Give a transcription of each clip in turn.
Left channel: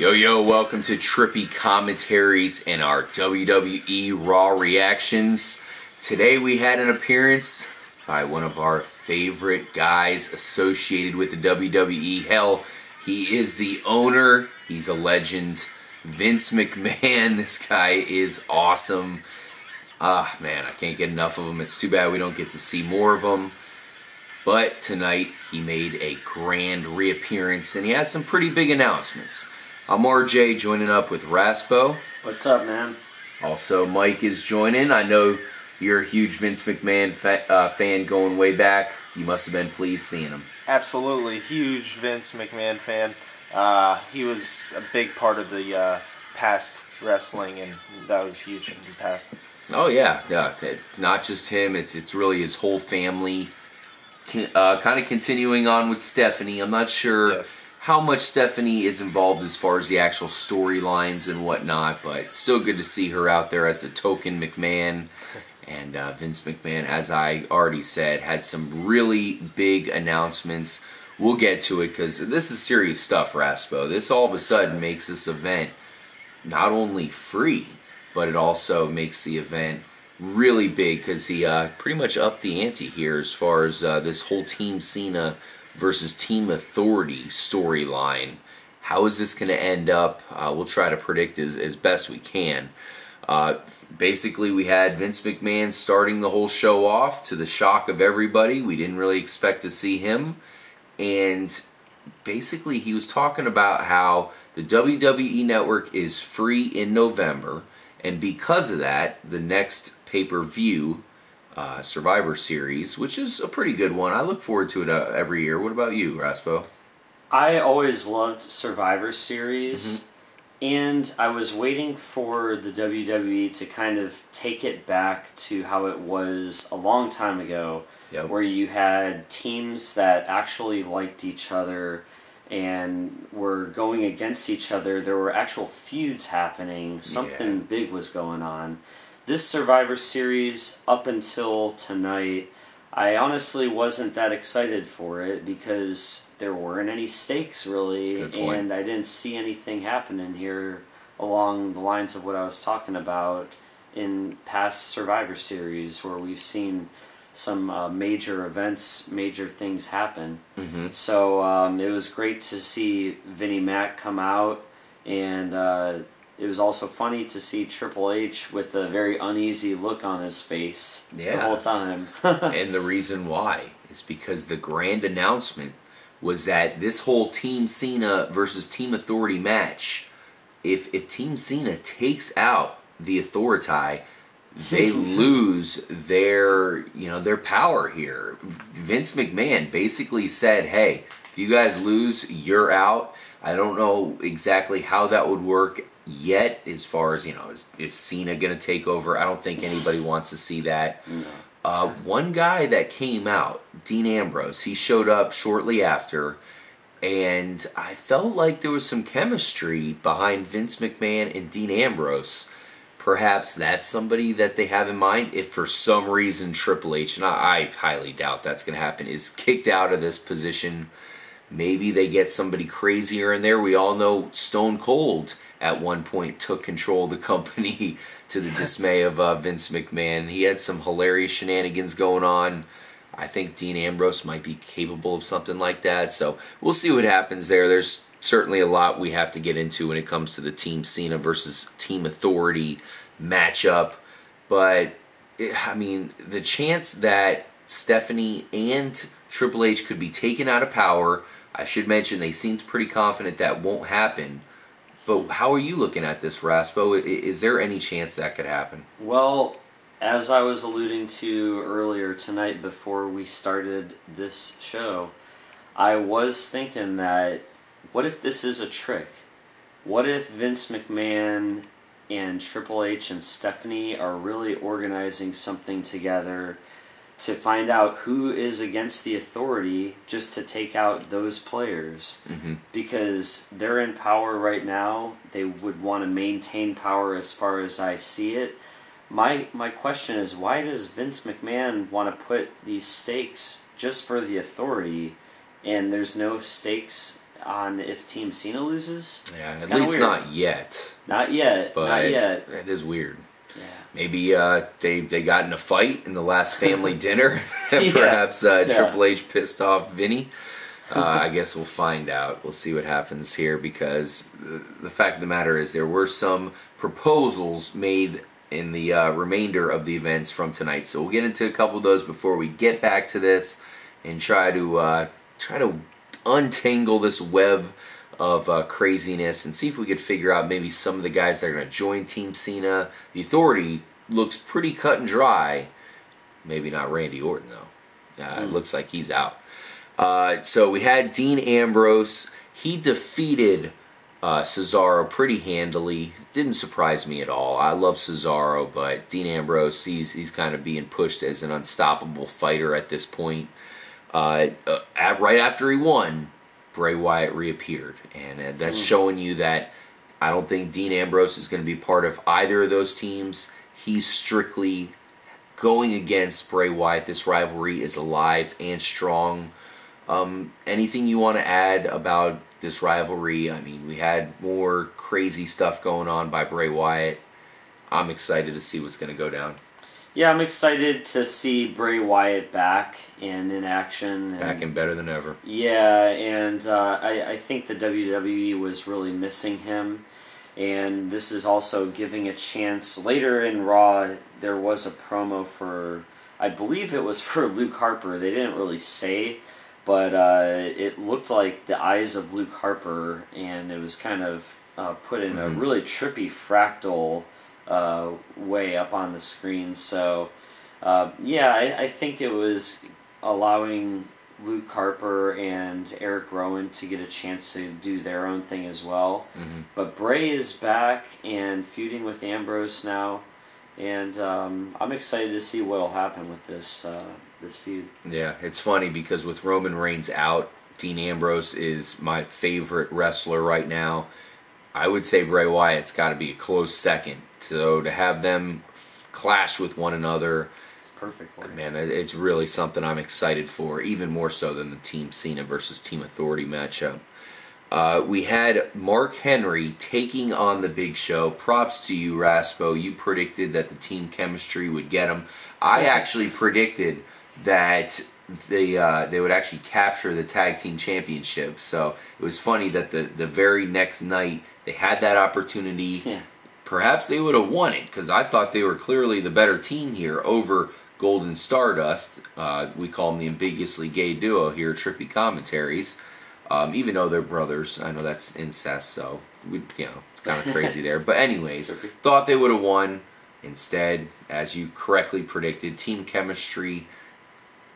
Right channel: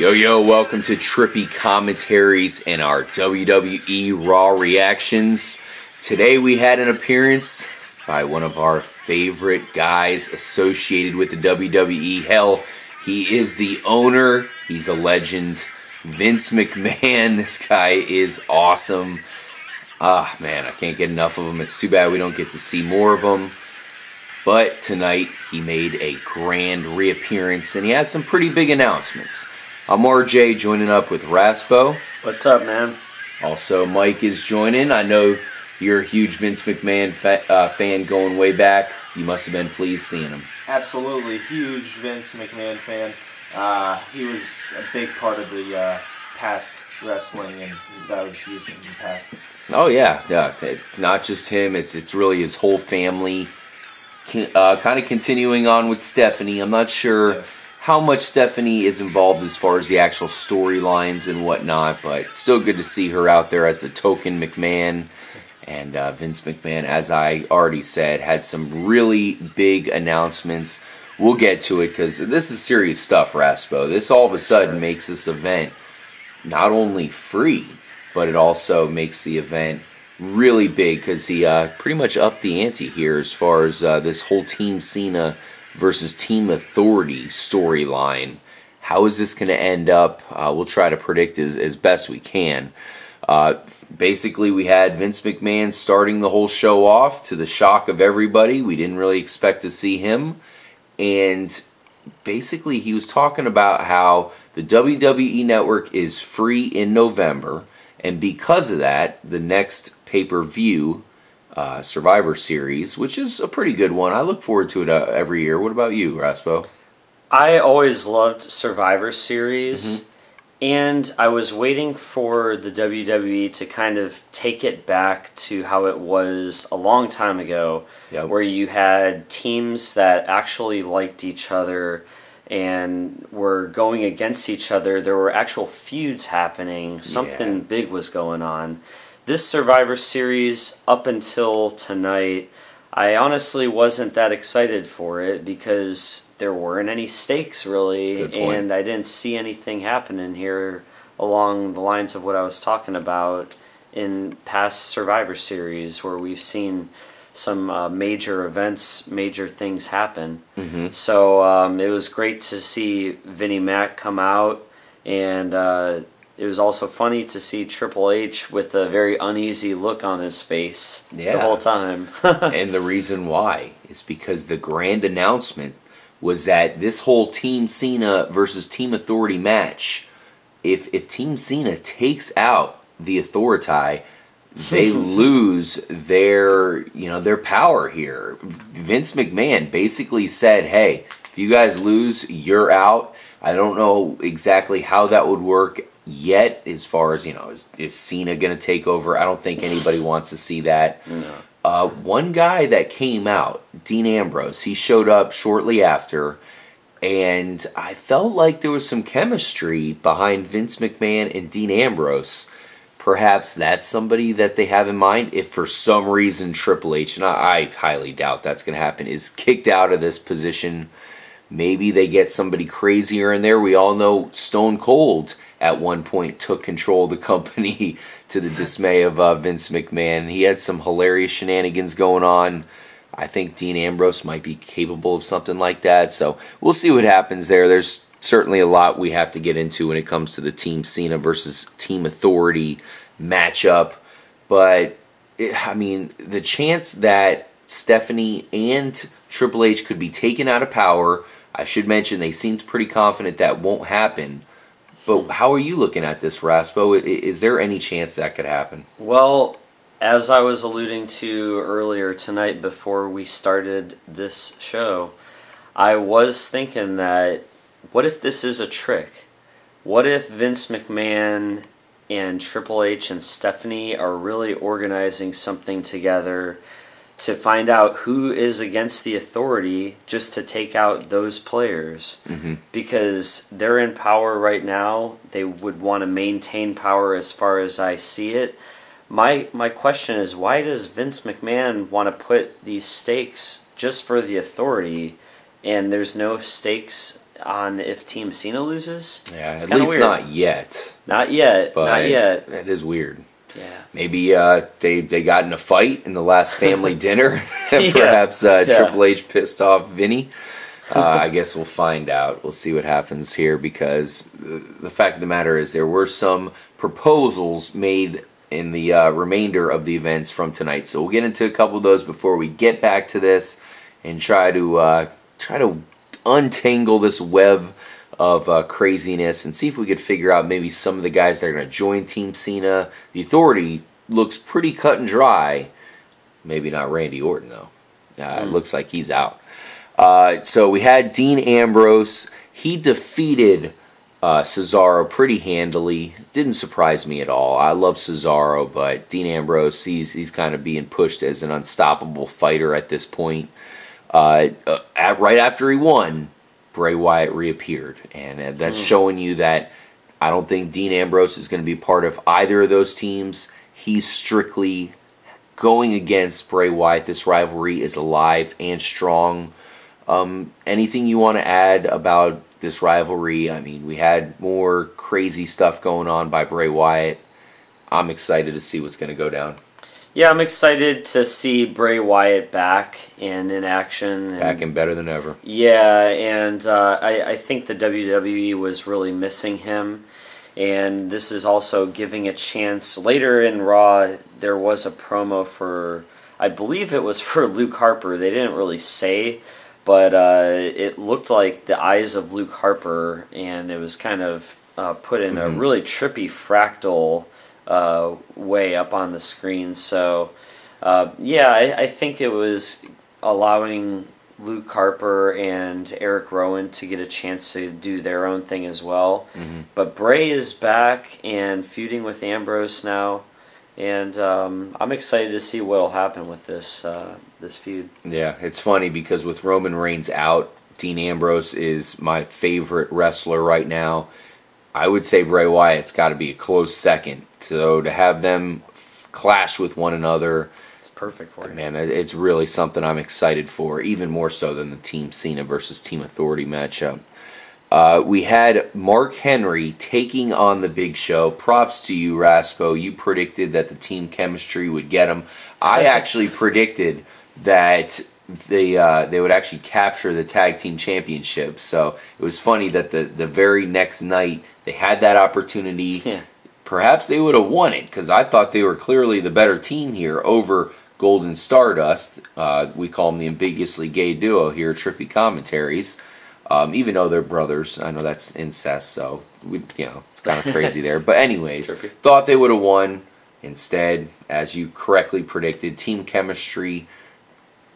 Yo, welcome to Trippy commentaries and our WWE RAW reactions. Today we had an appearance by one of our favorite guys associated with the WWE. Hell, he is the owner. He's a legend. Vince McMahon. This guy is awesome. Man, I can't get enough of him. It's too bad we don't get to see more of him. But tonight he made a grand reappearance and he had some pretty big announcements. I'm RJ joining up with Raspo. What's up, man? Also, Mike is joining. I know you're a huge Vince McMahon fan going way back. You must have been pleased seeing him. Absolutely. Huge Vince McMahon fan. He was a big part of the past wrestling, and that was huge in the past. Oh, yeah. Not just him. It's really his whole family. Kind of continuing on with Stephanie. I'm not sure how much Stephanie is involved as far as the actual storylines and whatnot, but still good to see her out there as the token McMahon. And Vince McMahon, as I already said, had some really big announcements. We'll get to it because this is serious stuff, Raspo. This all of a sudden makes this event not only free, but it also makes the event really big because he pretty much upped the ante here as far as this whole Team Cena versus Team Authority storyline. How is this going to end up? We'll try to predict as best we can. Basically, we had Vince McMahon starting the whole show off to the shock of everybody. We didn't really expect to see him. And basically, he was talking about how the WWE Network is free in November. And because of that, the next pay-per-view Survivor Series, which is a pretty good one. I look forward to it every year. What about you, Raspo? I always loved Survivor Series, and I was waiting for the WWE to kind of take it back to how it was a long time ago, where you had teams that actually liked each other and were going against each other. There were actual feuds happening. Something big was going on. This Survivor Series, up until tonight, I honestly wasn't that excited for it because there weren't any stakes, really, and I didn't see anything happening here along the lines of what I was talking about in past Survivor Series, where we've seen some major events, major things happen. So it was great to see Vinnie Mac come out, and it was also funny to see Triple H with a very uneasy look on his face the whole time. And the reason why is because the grand announcement was that this whole Team Cena versus Team Authority match, if Team Cena takes out the Authority, they lose their power here. Vince McMahon basically said, hey, if you guys lose, you're out. I don't know exactly how that would work yet as far as, is Cena going to take over? I don't think anybody wants to see that. No. One guy that came out, Dean Ambrose, he showed up shortly after, and I felt like there was some chemistry behind Vince McMahon and Dean Ambrose. Perhaps that's somebody that they have in mind if for some reason Triple H, and I highly doubt that's going to happen, is kicked out of this position. Maybe they get somebody crazier in there. We all know Stone Cold at one point took control of the company to the dismay of Vince McMahon. He had some hilarious shenanigans going on. I think Dean Ambrose might be capable of something like that. So we'll see what happens there. There's certainly a lot we have to get into when it comes to the Team Cena versus Team Authority matchup. But, the chance that Stephanie and Triple H could be taken out of power, I should mention they seemed pretty confident that won't happen. But how are you looking at this, Raspo? Is there any chance that could happen? Well, as I was alluding to earlier tonight before we started this show, I was thinking that, what if this is a trick? What if Vince McMahon and Triple H and Stephanie are really organizing something together to find out who is against the Authority just to take out those players? Because they're in power right now. They would want to maintain power as far as I see it. My question is, why does Vince McMahon want to put these stakes just for the Authority, and there's no stakes on if Team Cena loses. Yeah, it's at least weird. not yet. Not yet. But not yet. That is weird. Yeah. Maybe they got in a fight in the last family dinner. Perhaps Triple H pissed off Vinny. I guess we'll find out. We'll see what happens here, because the fact of the matter is there were some proposals made in the remainder of the events from tonight. So we'll get into a couple of those before we get back to this and try to untangle this web of craziness and see if we could figure out maybe some of the guys that are going to join Team Cena. The Authority looks pretty cut and dry. Maybe not Randy Orton, though. It looks like he's out. So we had Dean Ambrose. He defeated Cesaro pretty handily. Didn't surprise me at all. I love Cesaro, but Dean Ambrose, he's kind of being pushed as an unstoppable fighter at this point. Right after he won, Bray Wyatt reappeared, and that's showing you that I don't think Dean Ambrose is going to be part of either of those teams. He's strictly going against Bray Wyatt. This rivalry is alive and strong. Anything you want to add about this rivalry? I mean, we had more crazy stuff going on by Bray Wyatt. I'm excited to see what's going to go down. Yeah, I'm excited to see Bray Wyatt back and in action. Back and better than ever. Yeah, and I think the WWE was really missing him. And this is also giving a chance. Later in Raw, there was a promo for, I believe it was for Luke Harper. They didn't really say, but it looked like the eyes of Luke Harper, and it was kind of put in a really trippy fractal way up on the screen. So, yeah, I think it was allowing Luke Harper and Eric Rowan to get a chance to do their own thing as well. But Bray is back and feuding with Ambrose now, and I'm excited to see what will happen with this feud. Yeah, it's funny because with Roman Reigns out, Dean Ambrose is my favorite wrestler right now. I would say Bray Wyatt's got to be a close second. So to have them clash with one another, it's perfect for you. Man, it's really something I'm excited for, even more so than the Team Cena versus Team Authority matchup. We had Mark Henry taking on the Big Show. Props to you, Raspo. You predicted that the team chemistry would get him. I actually predicted that they would actually capture the tag team championship. So it was funny that the very next night they had that opportunity. Yeah. Perhaps they would have won it, because I thought they were clearly the better team here over Golden Stardust. We call them the ambiguously gay duo here, Trippy Commentaries. Even though they're brothers, I know that's incest, so it's kind of crazy there. But anyways, thought they would have won. Instead, as you correctly predicted, team chemistry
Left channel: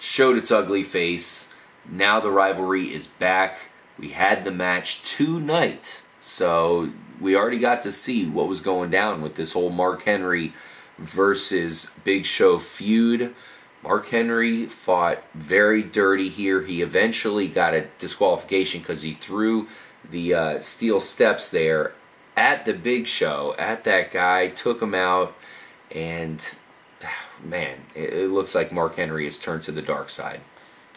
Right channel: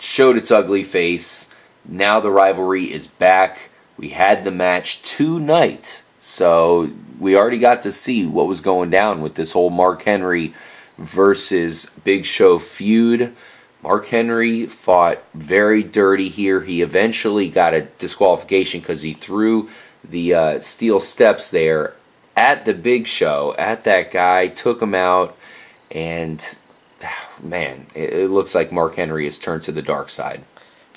showed its ugly face. Now the rivalry is back. We had the match tonight, so we already got to see what was going down with this whole Mark Henry versus Big Show feud. Mark Henry fought very dirty here. He eventually got a disqualification because he threw the steel steps there at the Big Show, at that guy, took him out, and man, it looks like Mark Henry has turned to the dark side.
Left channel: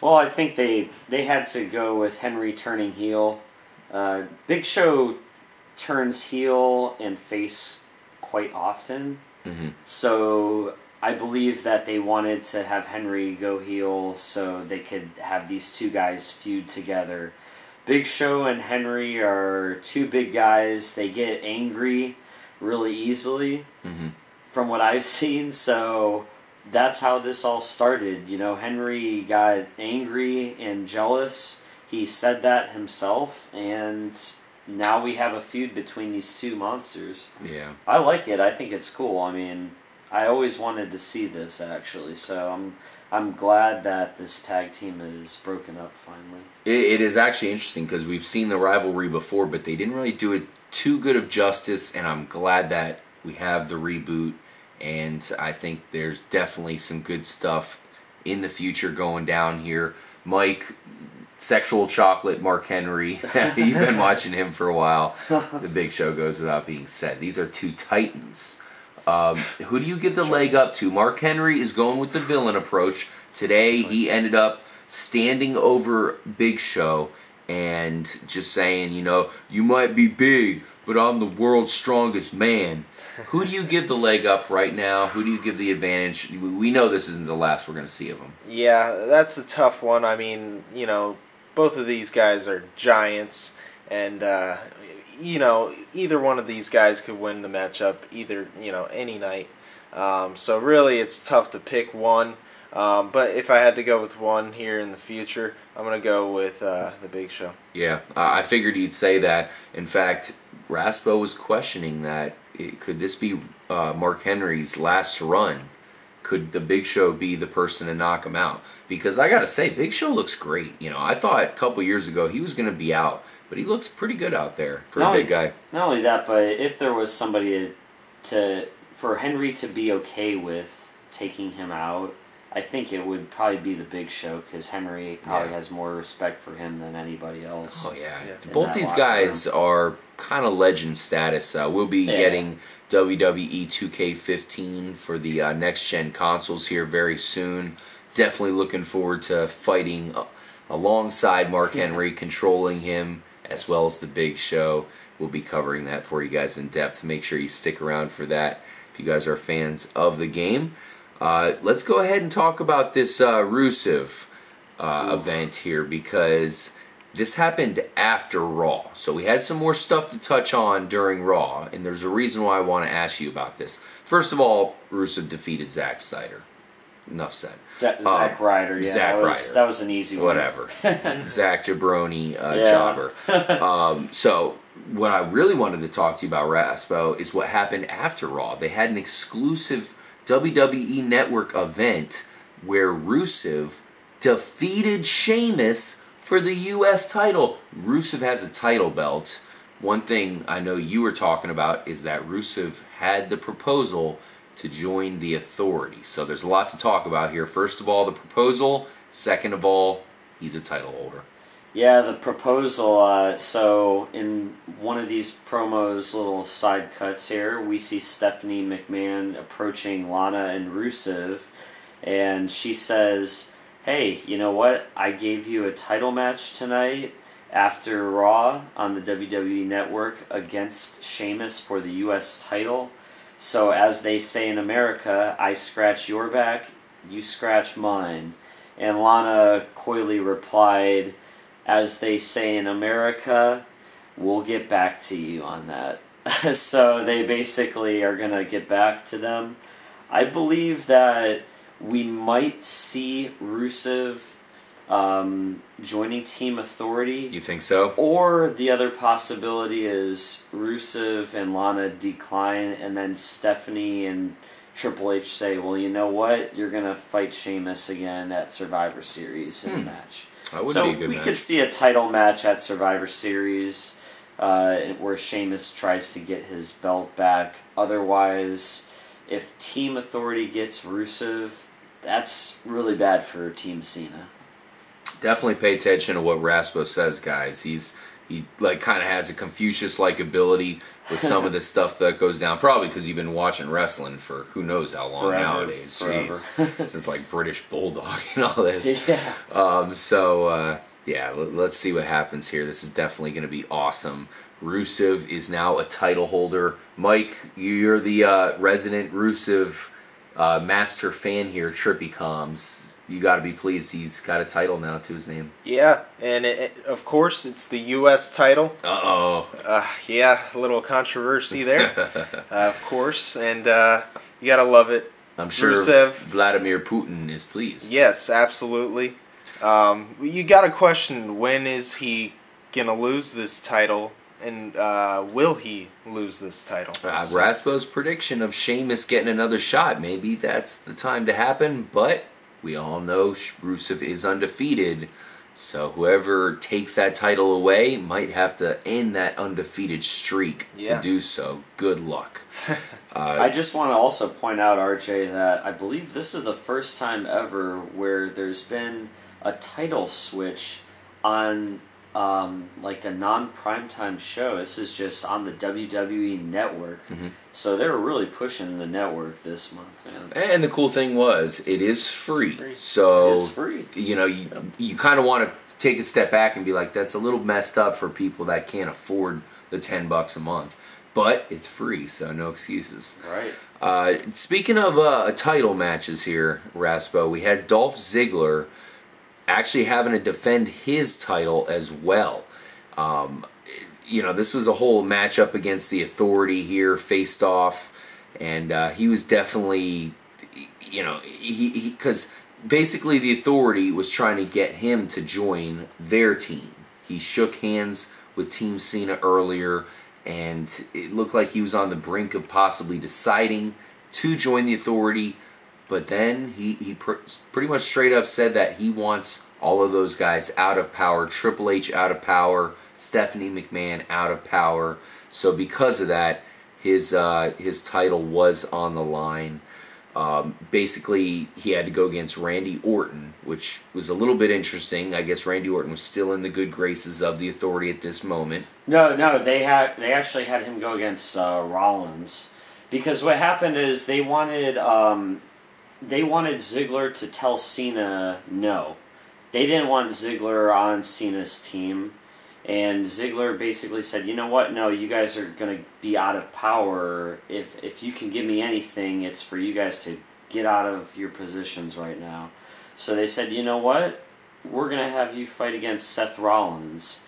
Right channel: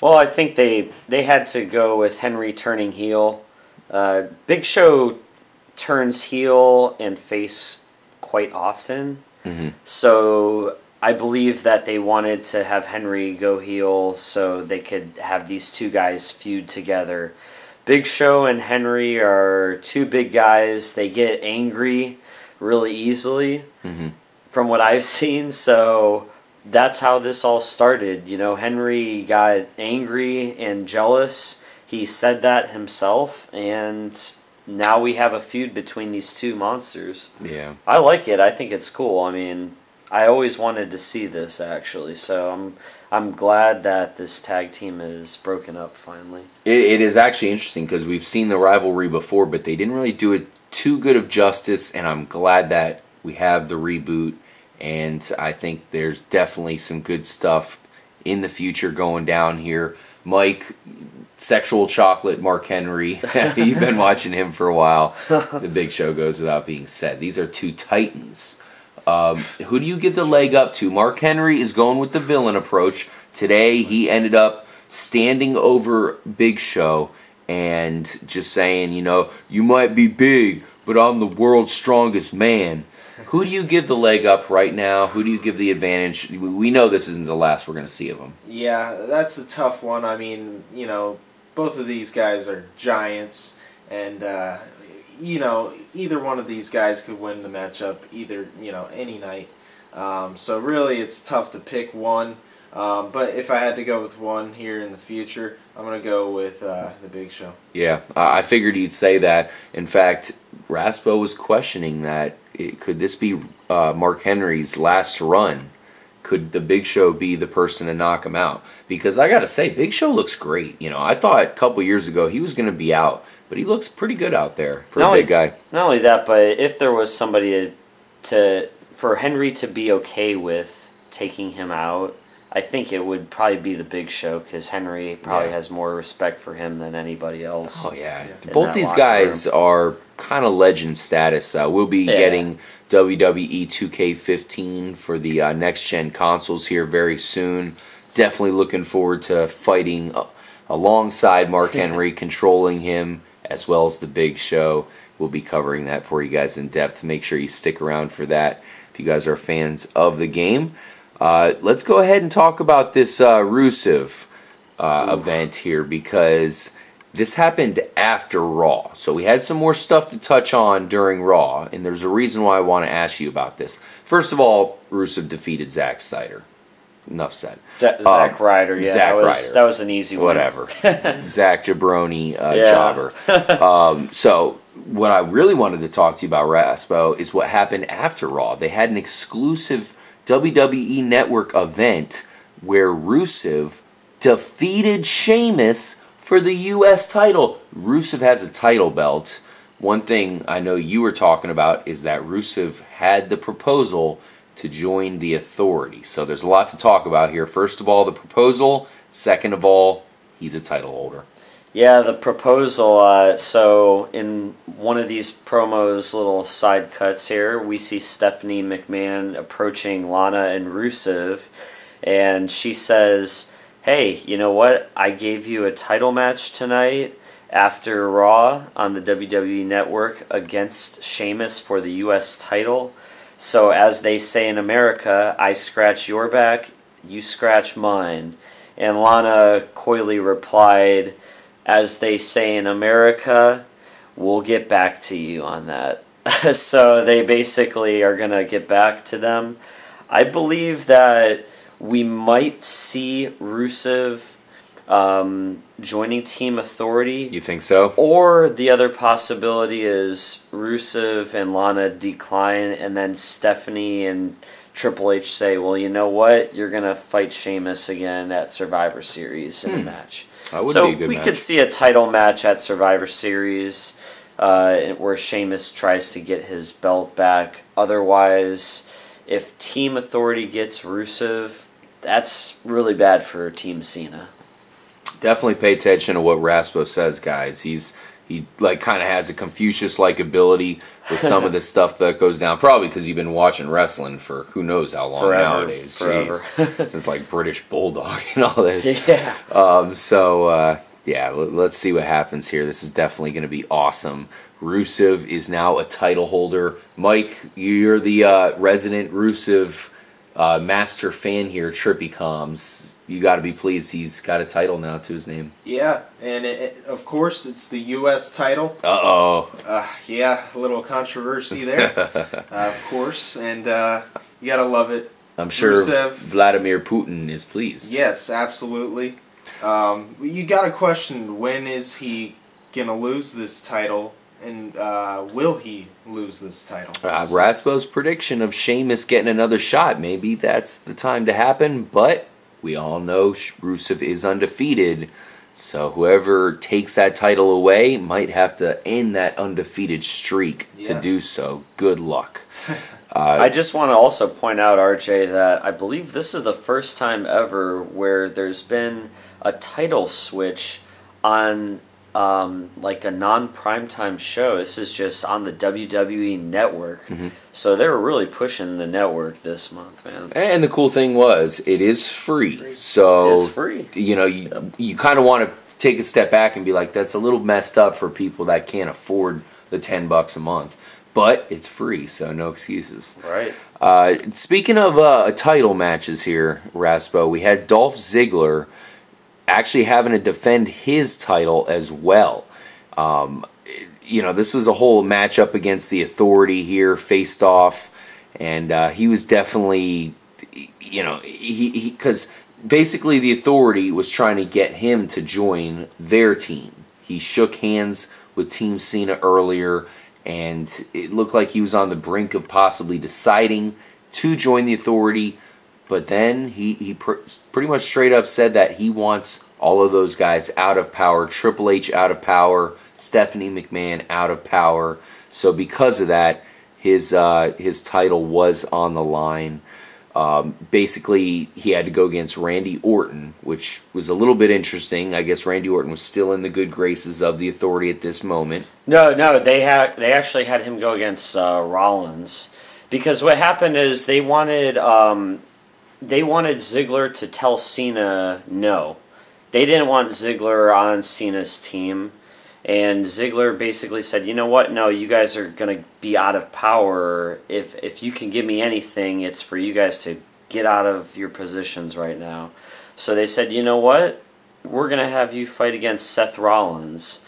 Well, I think they had to go with Henry turning heel. Big Show turns heel and face quite often. So I believe that they wanted to have Henry go heel so they could have these two guys feud together. Big Show and Henry are two big guys. They get angry really easily from what I've seen. So that's how this all started. You know, Henry got angry and jealous. He said that himself, and now we have a feud between these two monsters. Yeah. I like it. I think it's cool. I mean, I always wanted to see this, actually, so I'm glad that this tag team is broken up finally. It is actually interesting because we've seen the rivalry before, but they didn't really do it too good of justice, and I'm glad that we have the reboot, and I think there's definitely some good stuff in the future going down here. Mike, sexual chocolate Mark Henry, you've been watching him for a while. The Big Show goes without being said. These are two titans. Who do you give the leg up to? Mark Henry is going with the villain approach. Today he ended up standing over Big Show and just saying, you might be big, but I'm the world's strongest man. Who do you give the leg up right now? Who do you give the advantage? We know this isn't the last we're going to see of him. Yeah, that's a tough one. I mean, both of these guys are giants, and either one of these guys could win the matchup any night. So really, it's tough to pick one. But if I had to go with one here in the future, I'm going to go with the Big Show. Yeah, I figured you'd say that. In fact, Raspo was questioning that. Could this be Mark Henry's last run? Could the Big Show be the person to knock him out? Because I got to say, Big Show looks great. I thought a couple years ago he was going to be out, but he looks pretty good out there for a big guy. Not only that, but if there was somebody for Henry to be okay with taking him out, I think it would probably be the Big Show, because Henry probably has more respect for him than anybody else. Oh, yeah. Both these guys are kind of legend status. We'll be getting WWE 2K15 for the next-gen consoles here very soon. Definitely looking forward to fighting alongside Mark Henry, controlling him, as well as the Big Show. We'll be covering that for you guys in depth. Make sure you stick around for that if you guys are fans of the game. Let's go ahead and talk about this Rusev event here, because this happened after Raw. So we had some more stuff to touch on during Raw, and there's a reason why I want to ask you about this. First of all, Rusev defeated Zack Steiner. Enough said. Zack Ryder, yeah. Zack Ryder. That was an easy one. Whatever. Zack Jabroni jobber. So what I really wanted to talk to you about, Raspo, is what happened after Raw. They had an exclusive WWE Network event where Rusev defeated Sheamus for the U.S. title. Rusev has a title belt. One thing I know you were talking about is that Rusev had the proposal to join the Authority. So there's a lot to talk about here. First of all, the proposal. Second of all, he's a title holder. Yeah, the proposal. So in one of these promos, little side cuts here, we see Stephanie McMahon approaching Lana and Rusev, and she says, hey, you know what? I gave you a title match tonight after Raw on the WWE Network against Sheamus for the U.S. title. So as they say in America, I scratch your back, you scratch mine. And Lana coyly replied, as they say in America, we'll get back to you on that. So they basically are going to get back to them. I believe that we might see Rusev joining Team Authority. You think so? Or the other possibility is Rusev and Lana decline, and then Stephanie and Triple H say, well, you know what? You're going to fight Sheamus again at Survivor Series in a match. That would be a good match. We could see a title match at Survivor Series where Sheamus tries to get his belt back. Otherwise, if Team Authority gets Rusev, that's really bad for Team Cena. Definitely pay attention to what Raspo says, guys. He kind of has a Confucius-like ability with some of the stuff that goes down. Probably because you've been watching wrestling for who knows how long nowadays. Jeez. Since like British Bulldog and all this. Yeah. Let's see what happens here. This is definitely going to be awesome. Rusev is now a title holder. Mike, you're the resident Rusev master fan here, Trippy Comms. You got to be pleased he's got a title now to his name. Yeah, and of course it's the U.S. title. Uh-oh. Yeah, a little controversy there, of course, and you got to love it. I'm sure Rusev, Vladimir Putin is pleased. Yes, absolutely. You got to question, when is he going to lose this title? And will he lose this title? Raspo's prediction of Sheamus getting another shot, maybe that's the time to happen, but we all know Rusev is undefeated, so whoever takes that title away might have to end that undefeated streak to do so. Good luck. I just want to also point out, RJ, that I believe this is the first time ever where there's been a title switch on like a non-primetime show. This is just on the WWE Network. Mm-hmm. So they were really pushing the network this month, man. And the cool thing was, it is free. So, it's free. You kind of want to take a step back and be like, that's a little messed up for people that can't afford the $10 a month. But it's free, so no excuses. Right. Speaking of title matches here, Raspo, we had Dolph Ziggler actually having to defend his title as well. You know, this was a whole matchup against the Authority here, faced off, and he was definitely, you know, because basically the Authority was trying to get him to join their team. He shook hands with Team Cena earlier, and it looked like he was on the brink of possibly deciding to join the Authority, but then he pretty much straight up said that he wants all of those guys out of power, Triple H out of power, Stephanie McMahon out of power. So because of that, his title was on the line. Basically, he had to go against Randy Orton, which was a little bit interesting. I guess Randy Orton was still in the good graces of the Authority at this moment. No, they actually had him go against Rollins, because what happened is they wanted Ziggler to tell Cena no. They didn't want Ziggler on Cena's team, and Ziggler basically said, you know what, no, you guys are going to be out of power. If you can give me anything, it's for you guys to get out of your positions right now. So they said, you know what, we're going to have you fight against Seth Rollins.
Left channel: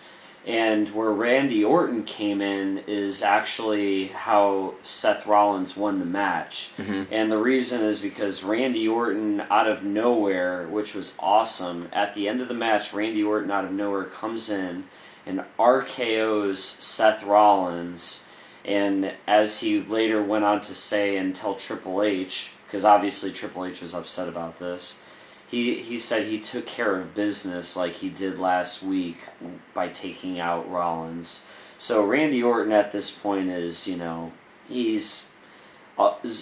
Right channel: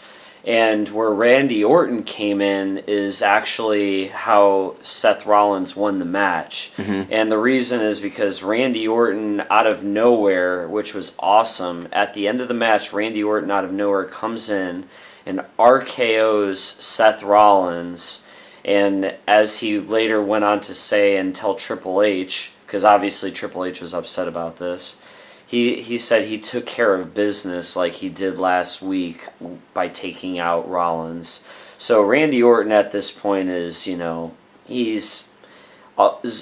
And where Randy Orton came in is actually how Seth Rollins won the match. Mm-hmm. And the reason is because Randy Orton, out of nowhere, which was awesome, at the end of the match, Randy Orton out of nowhere comes in and RKO's Seth Rollins. And as he later went on to say and tell Triple H, because obviously Triple H was upset about this, He said he took care of business like he did last week by taking out Rollins. So Randy Orton at this point is, you know,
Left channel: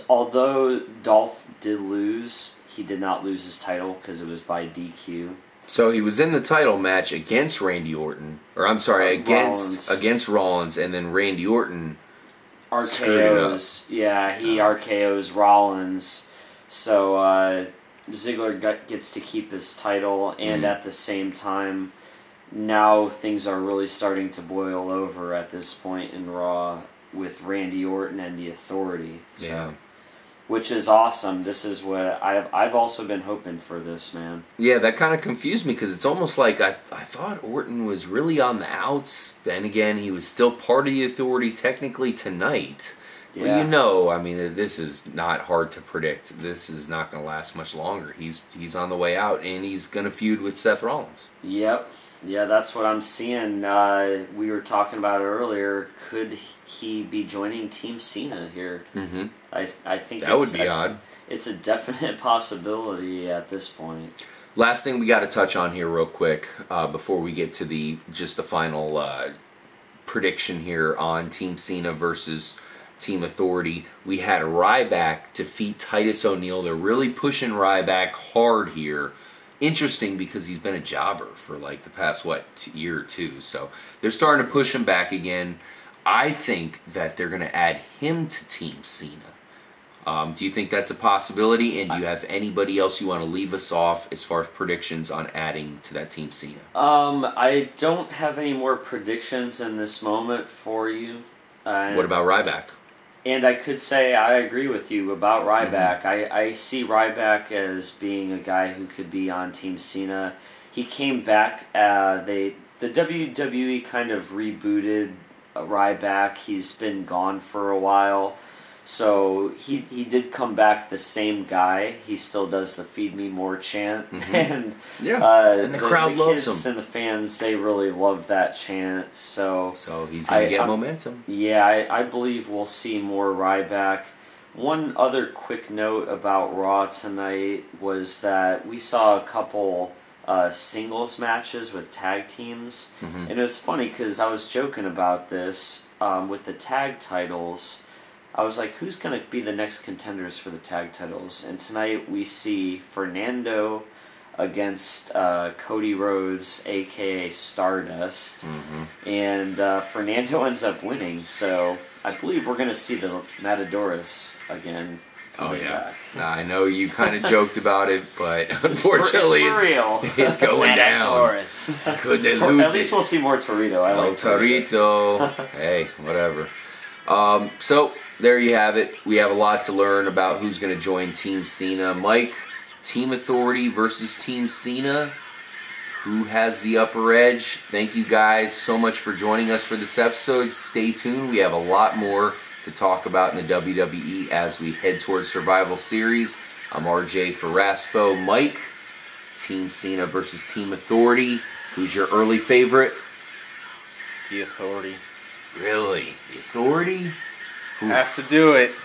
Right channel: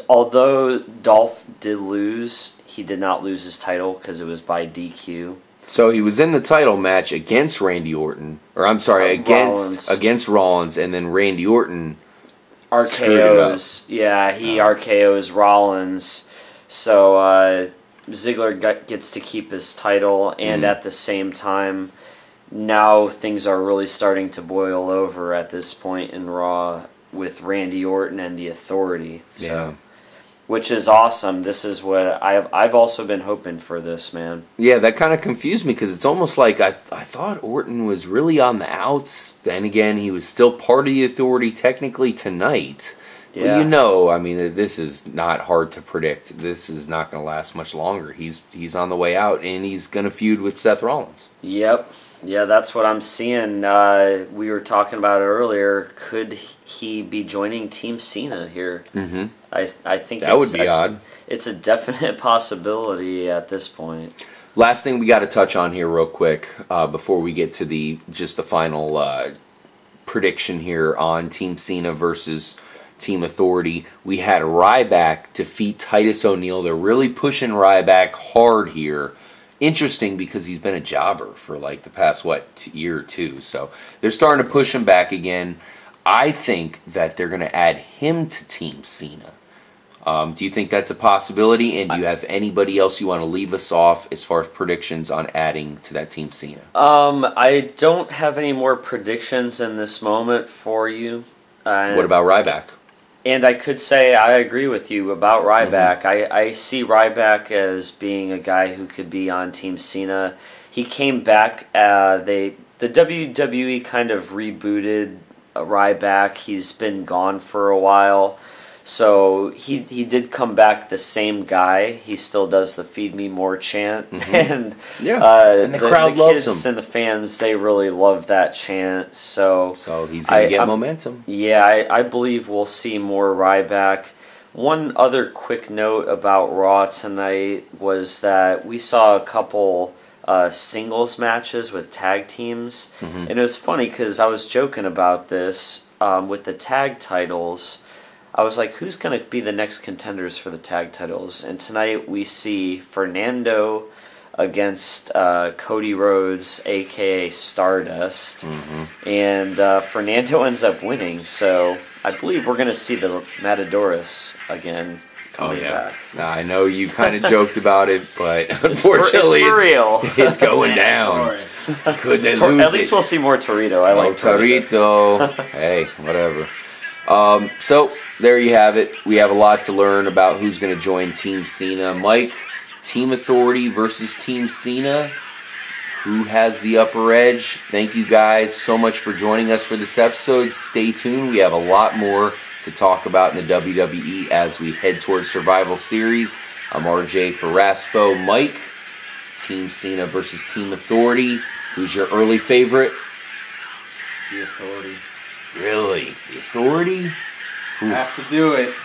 although Dolph did lose, he did not lose his title because it was by DQ. So he was in the title match against Randy Orton, or I'm sorry, against Rollins, and then Randy Orton RKO's. Yeah, he RKO's Rollins. So Ziggler gets to keep his title, and at the same time, now things are really starting to boil over at this point in Raw with Randy Orton and the Authority. So, yeah. Which is awesome. This is what I've also been hoping for this, man. Yeah, that kind of confused me because it's almost like I thought Orton was really on the outs. Then again, he was still part of the Authority technically tonight. Well, Yeah. you know, I mean, this is not hard to predict. This is not going to last much longer. He's on the way out, and he's going to feud with Seth Rollins. Yep. Yeah, that's what I'm seeing. We were talking about it earlier. Could he be joining Team Cena here? Mm-hmm. I think that would be odd. It's a definite possibility at this point. Last thing we got to touch on here real quick before we get to the final prediction here on Team Cena versus Team Authority. We had Ryback defeat Titus O'Neil. They're really pushing Ryback hard here. Interesting because he's been a jobber for like the past, year or two. So they're starting to push him back again. I think that they're going to add him to Team Cena. Do you think that's a possibility? And do you have anybody else you want to leave us off as far as predictions on adding to that Team Cena? I don't have any more predictions in this moment for you. What about Ryback? And I could say I agree with you about Ryback. Mm-hmm. I see Ryback as being a guy who could be on Team Cena. He came back. The WWE kind of rebooted Ryback. He's been gone for a while. So he did come back the same guy. He still does the "Feed Me More" chant, mm-hmm. and and the crowd loves him. And the fans, they really love that chant. So he's gonna get momentum. Yeah, I believe we'll see more Ryback. One other quick note about Raw tonight was that we saw a couple singles matches with tag teams, mm-hmm. and it was funny because I was joking about this with the tag titles. I was like, who's going to be the next contenders for the tag titles? And tonight we see Fernando against Cody Rhodes, a.k.a. Stardust. Mm-hmm. And Fernando ends up winning. So I believe we're going to see the Matadores again. coming back. I know you kind of joked about it, but unfortunately, it's for real. It's going down. Could they lose At least we'll see more Torito. I like Torito. Hey, whatever. So there you have it. We have a lot to learn about who's going to join Team Cena. Mike, Team Authority versus Team Cena. Who has the upper edge? Thank you guys so much for joining us for this episode. Stay tuned. We have a lot more to talk about in the WWE as we head towards Survival Series. I'm RJ for Raspo. Mike, Team Cena versus Team Authority. Who's your early favorite? The Authority. Really? The Authority? Oof. Have to do it.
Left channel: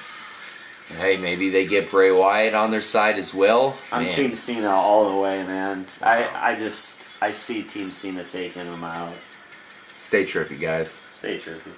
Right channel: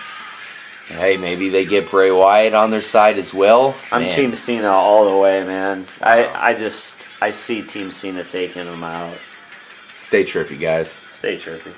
Hey, maybe they get Bray Wyatt on their side as well. I'm Team Cena all the way, man. Wow. I see Team Cena taking them out. Stay trippy, guys. Stay trippy.